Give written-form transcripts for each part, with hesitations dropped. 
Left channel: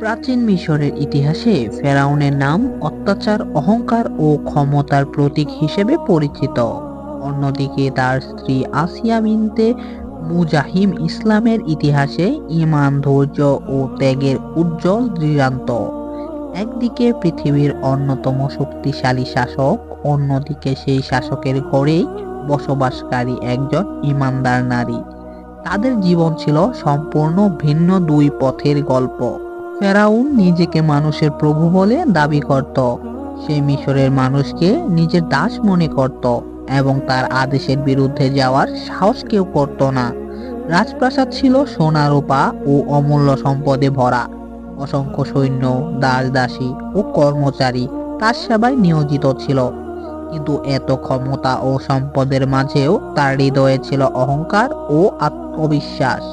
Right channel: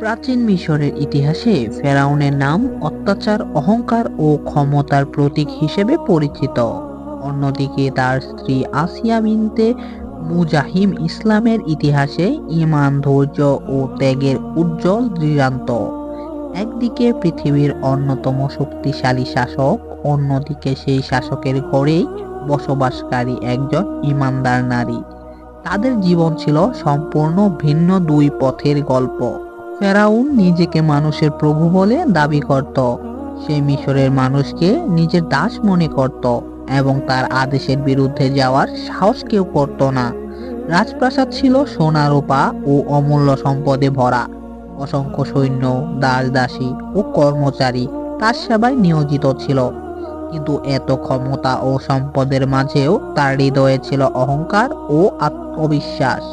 প্রাচীন মিশরের ইতিহাসে ফেরাউনের নাম অত্যাচার, অহংকার ও ক্ষমতার প্রতীক হিসেবে পরিচিত। অন্যদিকে তার স্ত্রী আসিয়া বিনতে মুজাহিম ইসলামের ইতিহাসে ঈমান, ধৈর্য ও ত্যাগের উজ্জ্বল দৃষ্টান্ত। একদিকে পৃথিবীর অন্যতম শক্তিশালী শাসক, অন্যদিকে সেই শাসকের ঘরেই বসবাসকারী একজন ঈমানদার নারী। তাদের জীবন ছিল সম্পূর্ণ ভিন্ন দুই পথের গল্প। ফেরাউন নিজেকে মানুষের প্রভু বলে দাবি করত। সে মিশরের মানুষকে নিজের দাস মনে করত এবং তার আদেশের বিরুদ্ধে যাওয়ার সাহস কেউ করত না। রাজপ্রাসাদ ছিল সোনা, রূপা ও অমূল্য সম্পদে ভরা। অসংখ্য সৈন্য, দাস দাসী ও কর্মচারী তার সেবায় নিয়োজিত ছিল। কিন্তু এত ক্ষমতা ও সম্পদের মাঝেও তার হৃদয়ে ছিল অহংকার ও আত্মবিশ্বাস।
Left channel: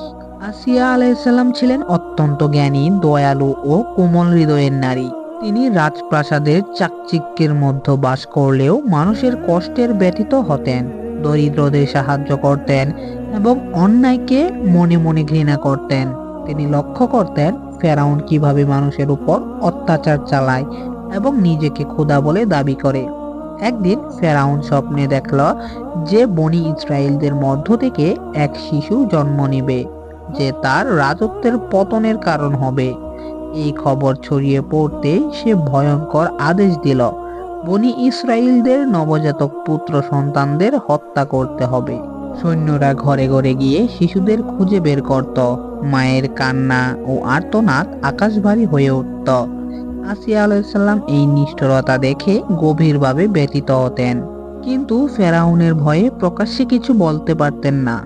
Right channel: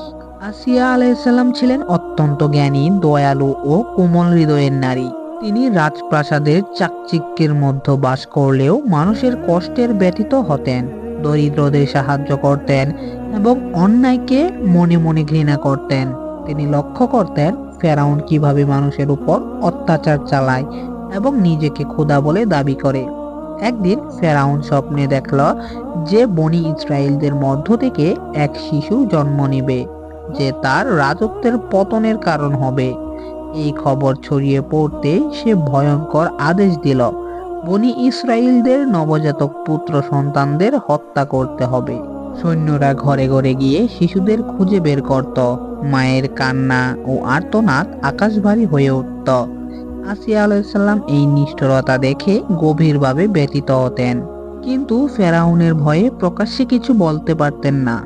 আসিয়া আলাইসাল্লাম ছিলেন অত্যন্ত জ্ঞানী, দয়ালু ও কোমল হৃদয়ের নারী। তিনি রাজপ্রাসাদের চাকচিক্যের মধ্যে বাস করলেও মানুষের কষ্টের ব্যথিত হতেন, দরিদ্রদের সাহায্য করতেন এবং অন্যায়কে মনে মনে ঘৃণা করতেন। তিনি লক্ষ্য করতেন ফেরাউন কিভাবে মানুষের উপর অত্যাচার চালায় এবং নিজেকে খোদা বলে দাবি করে। একদিন ফেরাউন স্বপ্নে দেখল যে বনি ইসরায়েলদের মধ্য থেকে এক শিশু জন্ম নেবে, যে তার রাজত্বের পতনের কারণ হবে। এই খবর ছড়িয়ে পড়তে সে ভয়ঙ্কর আদেশ দিল, বনি ইসরায়েলদের নবজাতক পুত্র সন্তানদের হত্যা করতে হবে। সৈন্যরা ঘরে ঘরে গিয়ে শিশুদের খুঁজে বের করত। মায়ের কান্না ও আর্তনাদ আকাশভারী হয়ে উঠত। আসিয়া আলাইসাল্লাম এই নিষ্ঠুরতা দেখে গভীরভাবে ব্যথিত হতেন, কিন্তু ফেরাউনের ভয়ে প্রকাশ্যে কিছু বলতে পারতেন না।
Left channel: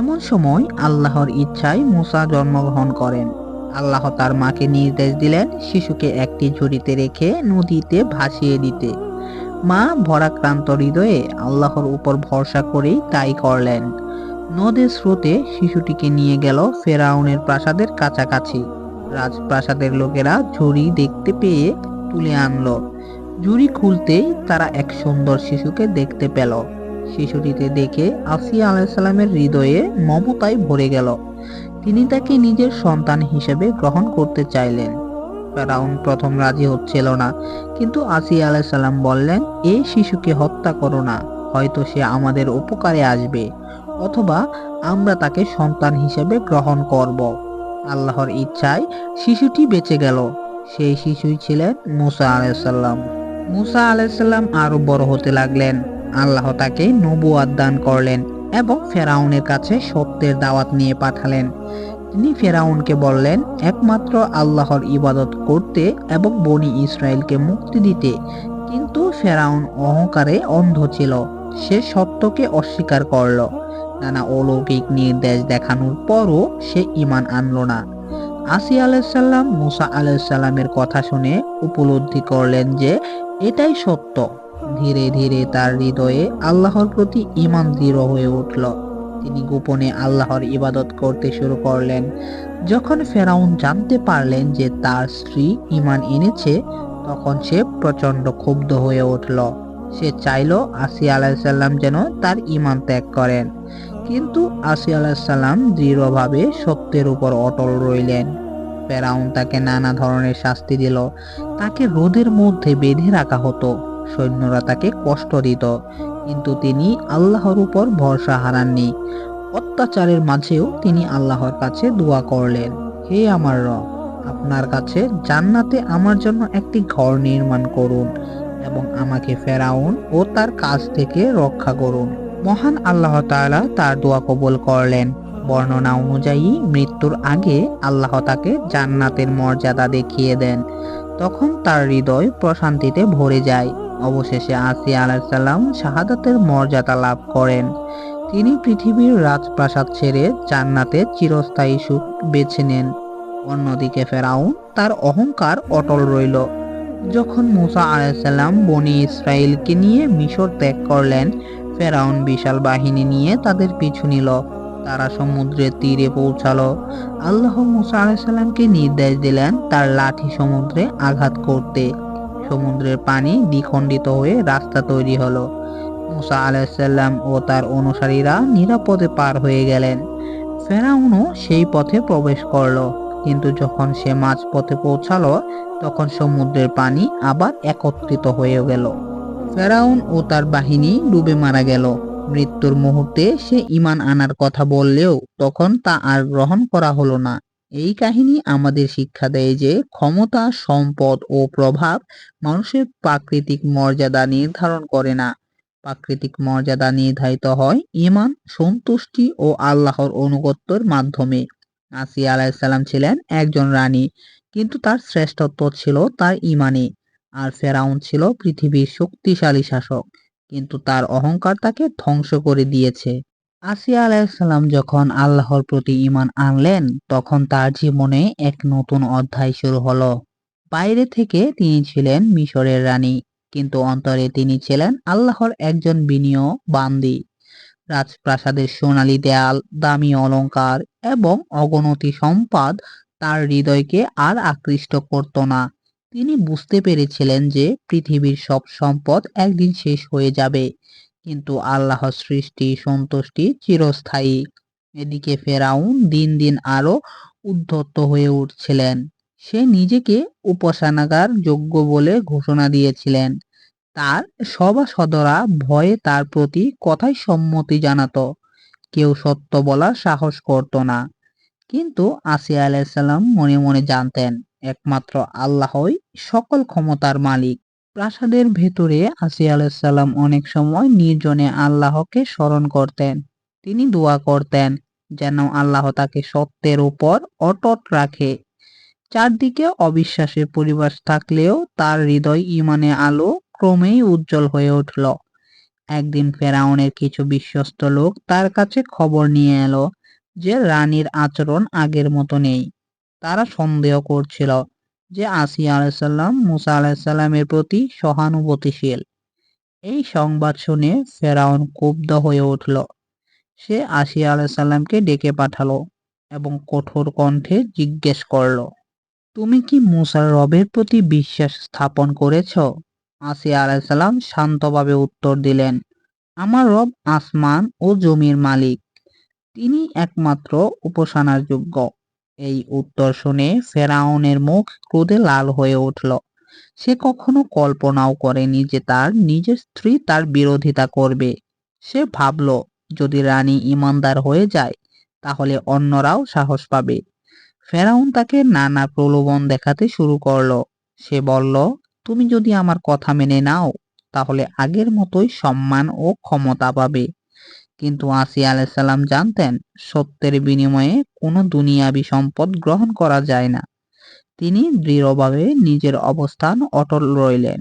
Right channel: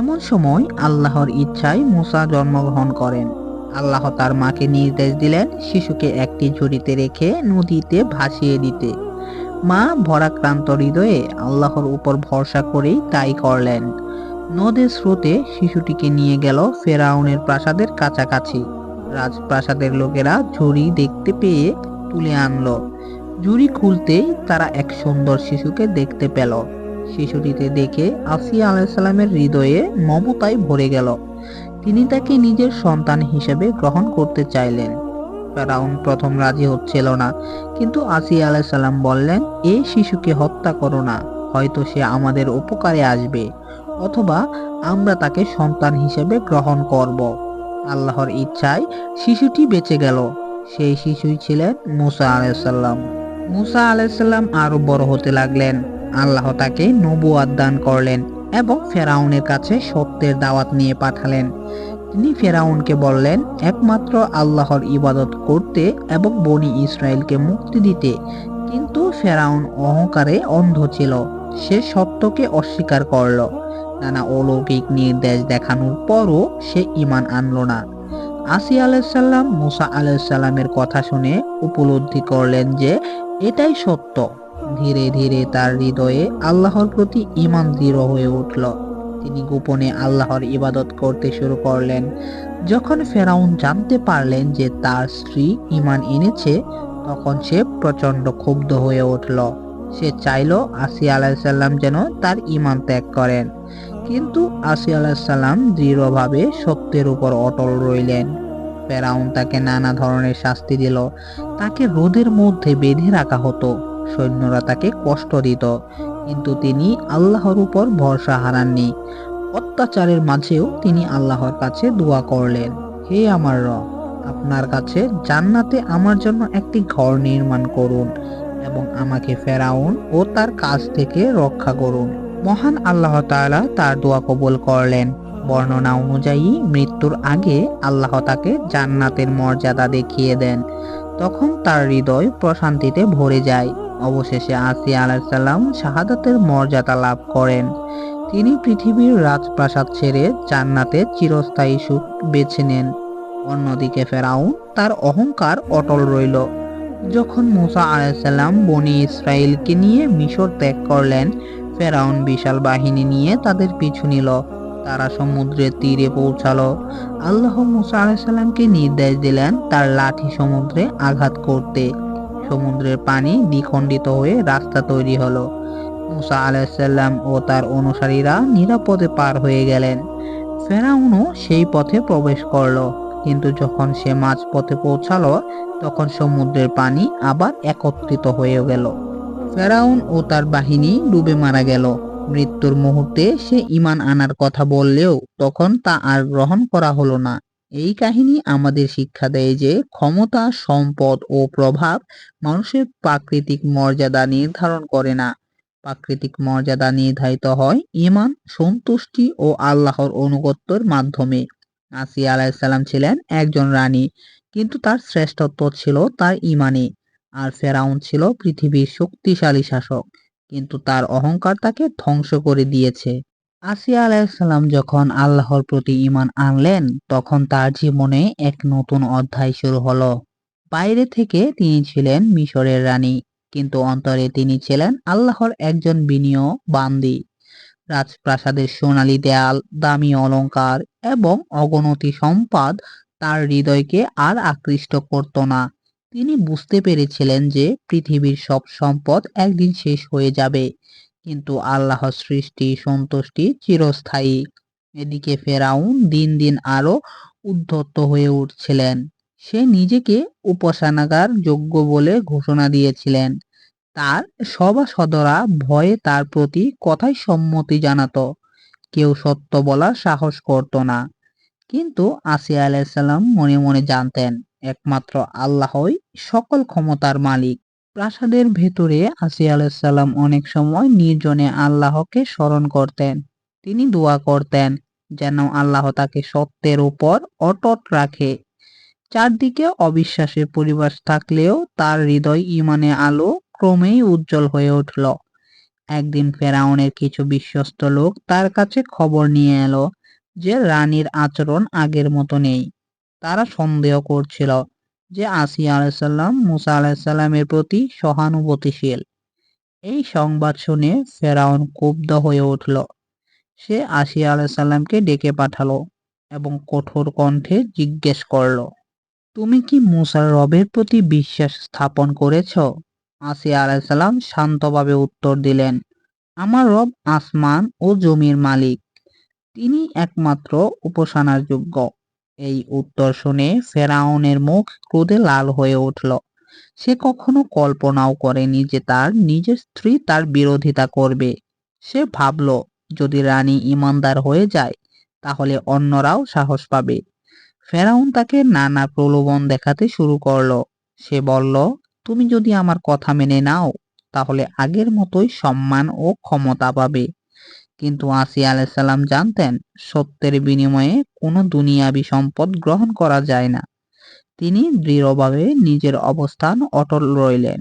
এমন সময় আল্লাহর ইচ্ছায় মূসা জন্মগ্রহণ করেন। আল্লাহ তার মাকে নির্দেশ দিলেন শিশুকে একটি ঝুড়িতে রেখে নদীতে ভাসিয়ে দিতে। মা ভরাক্রান্ত হৃদয়ে আল্লাহর উপর ভরসা করেই তাই করলেন। নদের স্রোতে শিশুটিকে নিয়ে গেল ফেরাউনের প্রাসাদের কাছাকাছি। রাজপ্রাসাদের লোকেরা ঝুড়ি দেখতে পেয়ে তুলে আনলো। ঝুড়ি খুলতেই তারা এক সুন্দর শিশুকে দেখতে পেল। শিশুটিতে দেখে আসিয়া আলাইসাল্লামের হৃদয়ে মমতায় ভরে গেল। তিনি তাকে নিজের সন্তান হিসেবে গ্রহণ করতে চাইলেন। ফেরাউন প্রথম রাজি হচ্ছিল না, কিন্তু আসিয়া আলাইসাল্লাম বললেন, এই শিশুকে হত্যা করো না, হয়তো সে আমাদের উপকারে আসবে, অথবা আমরা তাকে সন্তান হিসেবে গ্রহণ করব। আল্লাহর ইচ্ছায় শিশুটি বেঁচে গেল। সেই শিশুই ছিলেন মূসা আলাইসাল্লাম। মূসা আলাইসাল্লাম আরো বড় হতে লাগলেন। আল্লাহ তাকে নবুয়াত দান করলেন এবং ফেরাউনের কাছে সত্যের দাওয়াত নিয়ে পাঠালেন। তিনি ফেরাউনকে বললেন একমাত্র আল্লাহর ইবাদত করতে এবং বনি ইসরায়েলকে মুক্তি দিতে। কিন্তু ফেরাউন অহংকারে অন্ধ ছিল। সে সত্যকে অস্বীকার করল। নানা অলৌকিক নির্দেশ দেখানোর পরও সে ঈমান আনল না। আসিয়া আলাইসাল্লাম মূসা আলাইসাল্লামের কথা শুনে উপলব্ধি করলেন যে এটাই সত্য। ধীরে ধীরে তার হৃদয়ে আল্লাহর প্রতি ঈমান দৃঢ় হয়ে উঠল। তিনি গোপনে আল্লাহর ইবাদত করতে শুরু করলেন। যখন ফেরাউন জানতে পারলেন যে তার স্ত্রী ঈমান এনেছে, তখন সে প্রচন্ড ক্ষুব্ধ হয়ে উঠল। সে চাইল আসিয়া আলাইসাল্লাম যেন তার ঈমান ত্যাগ করেন, কিন্তু আসিয়া আলাইসাল্লাম দৃঢ়ভাবে সত্যের উপর অটল রইলেন। ফেরাউন তাকে নানা ধরনের শাস্তি দিল। তাকে রোদের মধ্যে বেঁধে রাখা হতো, সৈন্যরা তাকে কষ্ট দিত, কিন্তু তিনি আল্লাহর উপর ভরসা হারাননি। অত্যাচারের মাঝেও তিনি আল্লাহর কাছে দোয়া করলেন, হে আমার রব, আপনার কাছে জান্নাতে আমার জন্য একটি ঘর নির্মাণ করুন এবং আমাকে ফেরাউন ও তার কাছ থেকে রক্ষা করুন। মহান আল্লাহ তাআলা তার দোয়া কবুল করলেন। বর্ণনা অনুযায়ী মৃত্যুর আগে আল্লাহ তাকে জান্নাতের মর্যাদা দেখিয়ে দেন। তখন তার হৃদয় প্রশান্তিতে ভরে যায়। অবশেষে আসিয়া আলাইসাল্লাম শাহাদাতের মর্যাদা লাভ করেন। তিনি পৃথিবীর রাজপ্রাসাদ ছেড়ে জান্নাতে চিরস্থায়ী সুখ বেছে নেন। অন্যদিকে ফেরাউন তার অহংকার অটল রইল। যখন মূসা আলাইসাল্লাম বনি ইসরায়েলকে নিয়ে মিশর ত্যাগ করলেন, ফেরাউন বিশাল বাহিনী নিয়ে তাদের পিছু নিল। তারা সমুদ্রের তীরে পৌঁছালো। আল্লাহ মূসা আলাইসাল্লামকে নির্দেশ দিলেন তার লাঠি সমুদ্রে আঘাত করতে। সমুদ্রের পানি দ্বিখণ্ডিত হয়ে রাস্তা তৈরি হলো। মূসা আলাইসাল্লাম ও তার অনুসারীরা নিরাপদে পার হয়ে গেলেন। ফেরাউনও সেই পথে প্রবেশ করলো। কিন্তু যখন সে মাঝপথে পৌঁছালো, তখন সমুদ্রের পানি আবার একত্রিত হয়ে গেল। ফেরাউন ও তার বাহিনী ডুবে মারা গেল। মৃত্যুর মুহূর্তে সে ঈমান আনার কথা বললেও তখন তা আর গ্রহণ করা হলো না। এই কাহিনী আমাদের শিক্ষা দেয় যে ক্ষমতা, সম্পদ ও প্রভাব মানুষের প্রাকৃতিক মর্যাদা নির্ধারণ করে না। প্রাকৃতিক মর্যাদা নির্ধারিত হয় ঈমান, সন্তুষ্টি ও আল্লাহর আনুগত্যের মাধ্যমে। আসিয়া আলাইহিসসালাম ছিলেন একজন রানী, কিন্তু তার শ্রেষ্ঠত্ব ছিল তার ঈমানে। আর ফেরাউন ছিল পৃথিবীর শক্তিশালী শাসক, কিন্তু তার অহংকার তাকে ধ্বংস করে দিয়েছে। আসিয়া আলাইহিসসালাম যখন আল্লাহর প্রতি ঈমান আনলেন, তখন তার জীবনে এক নতুন অধ্যায় শুরু হলো। বাইরে থেকে তিনি ছিলেন মিশরের রানী, কিন্তু অন্তরে তিনি ছিলেন আল্লাহর একজন বিনীয় বান্দী। রাজপ্রাসাদের সোনালী দেয়াল, দামি অলংকার এবং অগণতি সম্পদ তার হৃদয়কে আর আকৃষ্ট করত না। তিনি বুঝতে পেরেছিলেন যে পৃথিবীর সব সম্পদ একদিন শেষ হয়ে যাবে, কিন্তু আল্লাহর সৃষ্টি সন্তুষ্টি চিরস্থায়ী। এদিকে ফেরাউন দিন দিন আরো উদ্ধত হয়ে উঠছিলেন। সে নিজেকে উপাসনাগার যোগ্য বলে ঘোষণা দিয়েছিলেন। তার সভাসদরা ভয়ে তার প্রতি কথায় সম্মতি জানাতো। কেউ সত্য বলার সাহস করত না। কিন্তু আসিয়া আলাইহিসসালাম মনে মনে জানতেন একমাত্র আল্লাহই সকল ক্ষমতার মালিক। প্রাসাদের ভেতরে আসিয়া আলাইহিসসালাম অনেক সময় নির্জনে আল্লাহকে স্মরণ করতেন। তিনি দোয়া করতেন যেন আল্লাহ তাকে সত্যের উপর অটুট রাখে। চারদিকে অবিশ্বাসের পরিবেশ থাকলেও তার হৃদয় ঈমানের আলো ক্রমেই উজ্জ্বল হয়ে উঠল। একদিন ফেরাউনের কিছু বিশ্বস্ত লোক তার কাছে খবর নিয়ে এলো যে রানীর আচরণ আগের মতো নেই। তারা সন্দেহ করছিল যে আসিয়া আলাইহিসসালাম মুসা আলাইহিসসালামের প্রতি সহানুভূতিশীল। এই সংবাদ শুনে ফেরাউন ক্ষুব্ধ হয়ে উঠল। সে আসিয়া আলাইহিসসালামকে ডেকে পাঠালো এবং কঠোর কণ্ঠে জিজ্ঞেস করলো, তুমি কি মুসার রবের প্রতি বিশ্বাস স্থাপন করেছ? আসিয়া আলাইহিসসালাম শান্তভাবে উত্তর দিলেন, আমার রব আসমান ও জমির মালিক, তিনি একমাত্র উপাসনার যোগ্য। এই উত্তর শুনে ফেরাউনের মুখ ক্রোধে লাল হয়ে উঠল। সে কখনো কল্পনাও করেনি যে তার নিজের স্ত্রী তার বিরোধিতা করবে। সে ভাবল, যদি রানী ঈমানদার হয়ে যায় তাহলে অন্যরাও সাহস পাবে। ফেরাউন তাকে নানা প্রলোভন দেখাতে শুরু করলো। সে বলল, তুমি যদি আমার কথা মেনে নাও তাহলে আগের মতোই সম্মান ও ক্ষমতা পাবে। কিন্তু আসিয়া আলাইহিসসালাম জানতেন সত্যের বিনিময়ে কোনো দুনিয়াবি সম্পদ গ্রহণ করা যায় না। তিনি দৃঢ়ভাবে নিজের অবস্থান অটল রইলেন।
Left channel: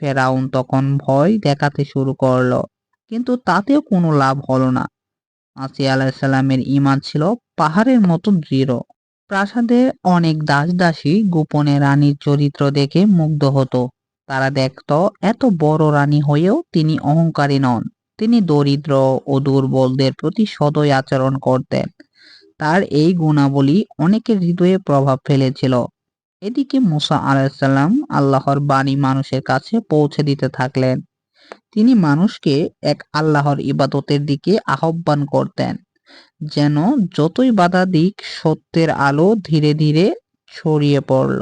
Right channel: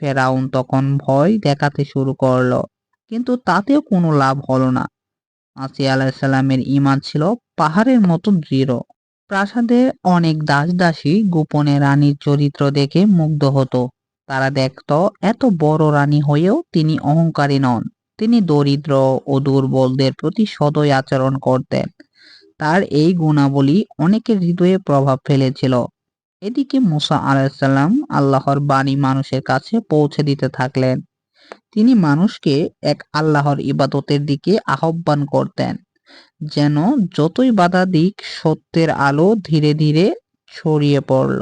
ফেরাউন তখন ভয় দেখাতে শুরু করলো, কিন্তু তাতেও কোনো লাভ হলো না। আসিয়া আলাইহিসসালামের ঈমান ছিল পাহাড়ের মতো দৃঢ়। প্রাসাদে অনেক দাস-দাসী গোপনে রানীর চরিত্র দেখে মুগ্ধ হতো। তারা দেখত এত বড় রানী হয়েও তিনি অহংকারী নন। তিনি দরিদ্র ও দুর্বলদের প্রতি সদয় আচরণ করতেন। তার এই গুণাবলী অনেকের হৃদয়ে প্রভাব ফেলেছিল। এদিকে মুসা আলাইহিসসালাম আল্লাহর বাণী মানুষের কাছে পৌঁছে দিতে থাকলেন। তিনি মানুষকে এক আল্লাহর ইবাদতের দিকে আহ্বান করতেন, যেন যতই বাধা দিক সত্যের আলো ধীরে ধীরে ছড়িয়ে পড়ল।